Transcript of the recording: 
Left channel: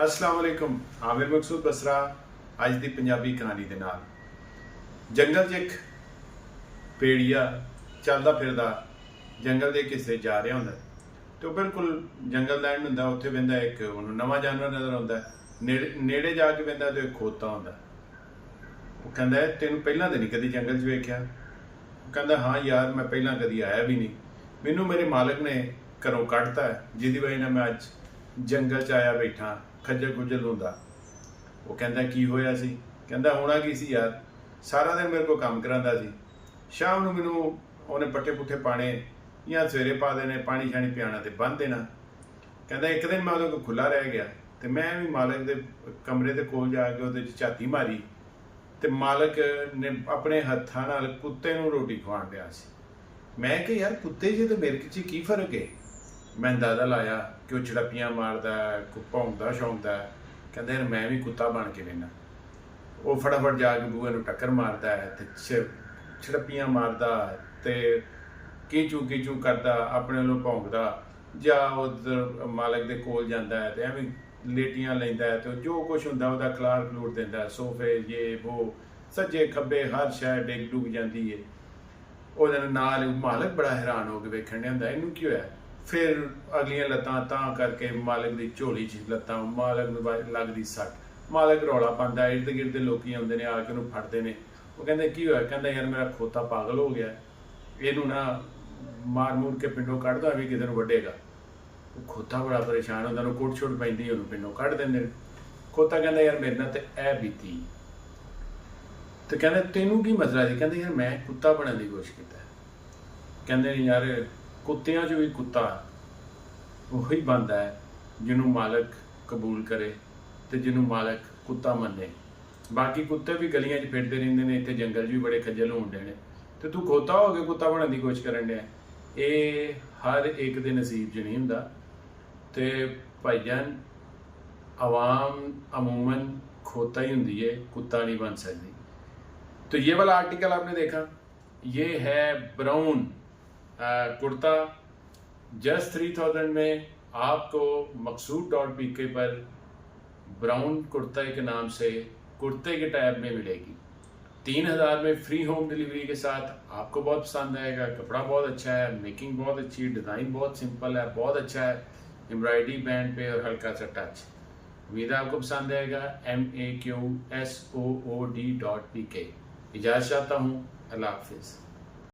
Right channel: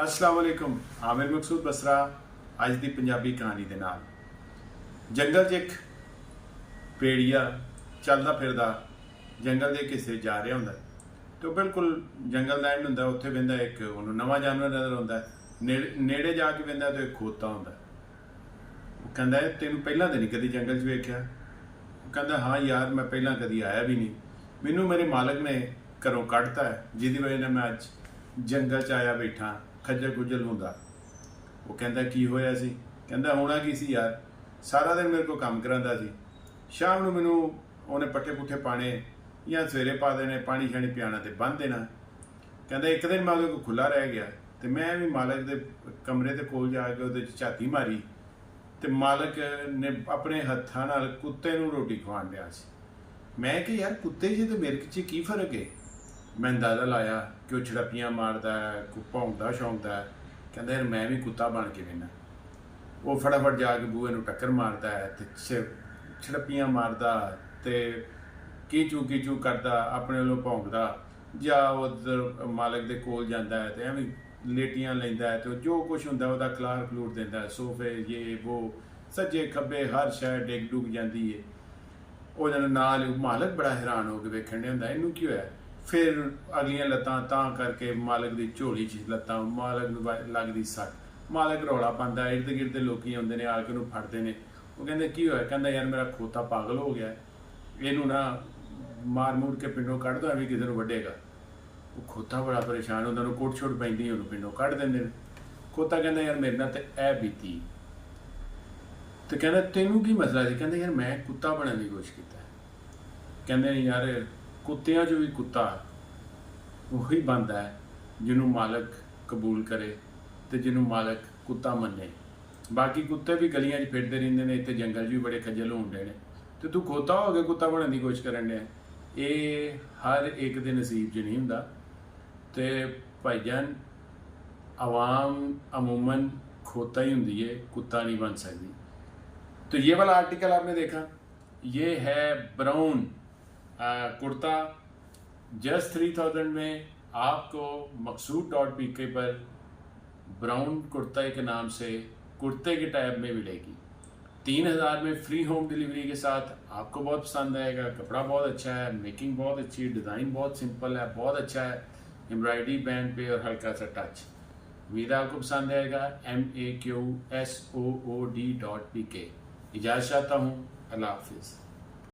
अस्सलाम वालेकुम। आमिर मकसूद बसरा ਅੱਜ ਦੀ ਪੰਜਾਬੀ ਕਹਾਣੀ ਦੇ ਨਾਲ। ਜੰਗਲ 'ਚ ਇੱਕ ਭੇੜੀਆ ਚੱਲਦਾ ਫਿਰਦਾ ਜੰਗਲ ਦੇ ਕਿਸੇ ਜਾ ਰਿਹਾ ਹੁੰਦਾ ਤੇ ਉਹ ਬਿਲਕੁਲ ਜੰਗਲ ਦਾ ਐਂਡ ਹੁੰਦਾ, ਉੱਥੇ ਵੇਂਦਾ ਇੱਕ ਉਹਨੂੰ ਨਵਾਂ ਜਾਨਵਰ ਨਜ਼ਰ ਆਉਂਦਾ। ਨੇੜੇ ਜਾ ਕੇ ਵੇਂਦਾ ਤੇ ਇੱਕ ਖੋਤਾ ਹੁੰਦਾ। ਉਹ ਕਹਿੰਦਾ ਤੈਨੂੰ ਪਹਿਲਾਂ ਤਾਂ ਨਹੀਂ ਕਦੀ ਜੰਗਲ 'ਚ ਵੇਖਿਆ। ਉਹ ਕਹਿੰਦਾ ਹਾਂ ਯਾਰ, ਮੈਂ ਪਹਿਲਾਂ ਕਦੀ ਆਇਆ ਵੀ ਨਹੀਂ, ਮੈਨੂੰ ਮੇਰੇ ਮਾਲਕ ਨੇ ਘਰੋਂ ਕੱਢਤਾ ਹੈ, ਜਿਹਦੀ ਵਜ੍ਹਾ ਨਾਲ ਮੈਂ ਅੱਜ ਜੰਗਲ 'ਚ ਆਇਆ ਬੈਠਾ ਖੱਜਲ ਖੁੱਜਲ ਹੁੰਦਾ। ਉਹ ਕਹਿੰਦਾ ਕੀ ਹੋਇਆ ਸੀ? ਕਹਿੰਦਾ ਹੋਣਾ ਕੀ ਸੀ ਯਾਰ, ਸਾਰਾ ਦਿਨ ਮੇਰੇ ਕੋਲ ਕੰਮ ਕਰਾਉਂਦਾ ਸੀ, ਸ਼ਾਮ ਨੂੰ ਮੈਨੂੰ ਉਹਨੇ ਪੱਠੇ ਪੁੱਠੇ ਪਾਣੇ ਜਾਂ ਸਵੇਰੇ ਪਾ ਦੇਣੇ, ਪਾਣੀ ਛਾਣੀ ਪਿਆਣਾ ਤੇ ਬੰਨ੍ਹ ਦੇਣਾ। ਕਹਿੰਦਾ ਇੱਕ ਦਿਨ ਮੈਂ ਉਹਦੇ ਕੋਲ ਖੁੱਲ੍ਹਾ ਰਹਿ ਗਿਆ ਤੇ ਮੈਂ ਵੀ ਮਾਲਕ ਦੇ ਕਮਰੇ ਦੇ ਕੋਲ ਜਾ ਕੇ ਉਹਦੇ 'ਚ ਝਾਤੀ ਮਾਰੀ ਤੇ ਮਾਲਕ ਨੇ ਆਪਣੇ ਹੱਥਾਂ ਨਾਲ ਕੁੱਤੇ ਨੂੰ ਰੋਟੀ ਖਵਾਉਣ ਡਿਆ ਸੀ। ਮੈਂ ਕਿਹਾ ਯਾਰ ਕੁੱਤੇ ਜੇ ਤੇ ਮੇਰੇ 'ਚ ਕੀ ਫਰਕ ਹੈ? ਮੈਂ ਅੰਦਾਜ਼ਾ ਲਾਇਆ ਕਿ ਉਹ ਛੜੱਪੀਆਂ ਮਾਰਦਾ, ਭੌਂਕਦਾ ਸ਼ੌਂਕਦਾ। ਕਹਿੰਦਾ ਯਾਰ ਮੈਂ ਵੀ ਕੁੱਤਾ ਬਣ ਕੇ ਵੇਖਣਾ। ਉਹ ਫਟਾਫਟ ਜਾ ਕੇ ਬੂਹੇ ਨੂੰ ਟੱਕਰ ਮਾਰਦਾ ਹੈ ਤੇ ਛੜੱਪੀਆਂ ਮਾਰਦਾ ਤੇ ਕੀਚੂ ਕਰਦਾ, ਆਪਣੇ ਵੱਲੋਂ ਭੌਂਕਦਾ, ਜਾਂ ਉਧਰ ਮਾਲਕ ਦੇ ਕੋਲ ਜਾਂਦਾ ਹੈ ਤੇ ਐਵੇਂ ਲੇਟੀਆਂ ਲੈਂਦਾ ਹੈ ਤੇ ਜੋ ਕੁਛ ਹੁੰਦਾ ਉਹਦਾ ਖਲਾਰ ਖਲੂਰ ਦਿੰਦਾ, ਸੋਫੇ ਇਹ ਵੋ ਸੱਜੇ ਖੱਬੇ ਹਰ ਸ਼ੈ ਡਿੱਗ ਡੁੱਗ ਜਾਂਦੀ ਹੈ। ਉਹਦੇ ਨਾਲ ਮਾਲਕ ਬੜਾ ਹੈਰਾਨ ਹੋ ਕੇ ਵੇਖਣ ਡਿਆ ਹੁੰਦਾ ਇਹਨੂੰ ਕੀ ਹੋਇਆ। ਫਿਰ ਅਗਲੀਆਂ ਲੱਤਾਂ ਤਾਂ ਕਰਕੇ ਮਾਲਕ ਦੀ ਝੋਲੀ 'ਚ ਲੱਤਾਂ, ਮਾਲਕ ਨੂੰ ਲੱਗਦੀ ਸੱਟ, ਮਾਲਕ ਰੌਲਾ ਪਾਉਂਦਾ, ਇਰਦ ਗਿਰਦ ਦੇ ਲੋਕੀ ਆਉਂਦੇ ਨੇ, ਆ ਕੇ ਉਹਨੂੰ ਫੜਦੇ ਨੇ। ਉਹ ਕਹਿੰਦੇ ਕੀ ਹੋਇਆ? ਕਹਿੰਦਾ ਯਾਰ ਮੇਰਾ ਖੋਤਾ ਪਾਗਲ ਹੋ ਗਿਆ, ਇਹਨੂੰ ਨਾ ਮਾਰ ਮੂਰ ਕੇ ਪਿੰਡੋਂ ਕੱਢ ਦੋ, ਵੀ ਕਿਸੇ ਨੂੰ ਵੱਢੇਗਾ। ਉਹ ਖੋਤਾ ਬੜਾ ਪਰੇਸ਼ਾਨ ਹੁੰਦਾ, ਉਹਨੂੰ ਕੁੱਟ ਛੁੱਟ ਪੈਂਦੀ, ਉਹਨੂੰ ਪਿੰਡੋਂ ਕੱਢ ਦਿੰਦੇ ਨੇ। ਖੋਤਾ ਕਹਿੰਦਾ ਯਾਰ ਮੇਰੇ ਨਾਲ ਤੇ ਇਹ ਬੀਤੀ। ਤੇ ਕਹਿੰਦਾ ਤੈਨੂੰ ਕੀ ਮਸਲਾ ਸੀ? ਕਹਿੰਦਾ ਯਾਰ ਮੈਂ ਕੁੱਤਾ ਬਣਨ ਦੀ ਕੋਸ਼ਿਸ਼ ਕੀਤਾ। ਕਹਿੰਦੇ ਨਹੀਂ ਯਾਰ, ਕੁੱਤਿਆਂ 'ਚ ਵੀ ਕੁੱਤਾ ਉਹੀ ਬਣਦਾ ਹੈ ਜਿਹਨੂੰ ਮਾਲਕ ਕਬੂਲ ਕਰੇ ਤੇ ਜਿਹਨੂੰ ਮਾਲਕ ਕੁੱਤਾ ਮੰਨੇ। ਬਾਕੀ ਕੁੱਤੇ ਵੀ ਗਲੀਆਂ 'ਚ ਫਿਰਦੇ ਰਹਿੰਦੇ ਨੇ, ਇੱਥੇ ਜੰਗਲ 'ਚ ਵੀ ਬੜੇ ਖੱਜਲ ਹੁੰਦੇ ਨੇ, ਤੇ ਤੂੰ ਖੋਤਾ ਹੋ ਕੇ ਕੁੱਤਾ ਬਣਨ ਦੀ ਕੋਸ਼ਿਸ਼ ਕਰਨ ਡਿਆ। ਇਹ ਹਰ ਇੱਕ ਦੇ ਨਸੀਬ 'ਚ ਨਹੀਂ ਹੁੰਦਾ। ਤੇ ਭਾਈਜਾਨ, आवाम अमूमन खोता ही होती है, कुत्ता नहीं बन सकती। तो ये वाला आर्टिकल आपने देखा, ये है ब्राउन कुर्ता, जस्ट 3000 में आपको maqsood.pk पर ब्राउन कुर्ता के नाम से कुर्ते के टैब में मिलेगी। 3000 में फ्री होम डिलीवरी के साथ। आपको बहुत पसंद आएगा, कपड़ा बहुत अच्छा है, मेकिंग बहुत अच्छी है, डिज़ाइन बहुत सिंपल है, बहुत अच्छा है, एम्ब्रॉयडरी बैंड पे और हल्का सा टच। उम्मीद आपको पसंद आएगा। MAQSOOD.PK। इजाज़त चाहता हूँ, अल्लाह हाफिज़।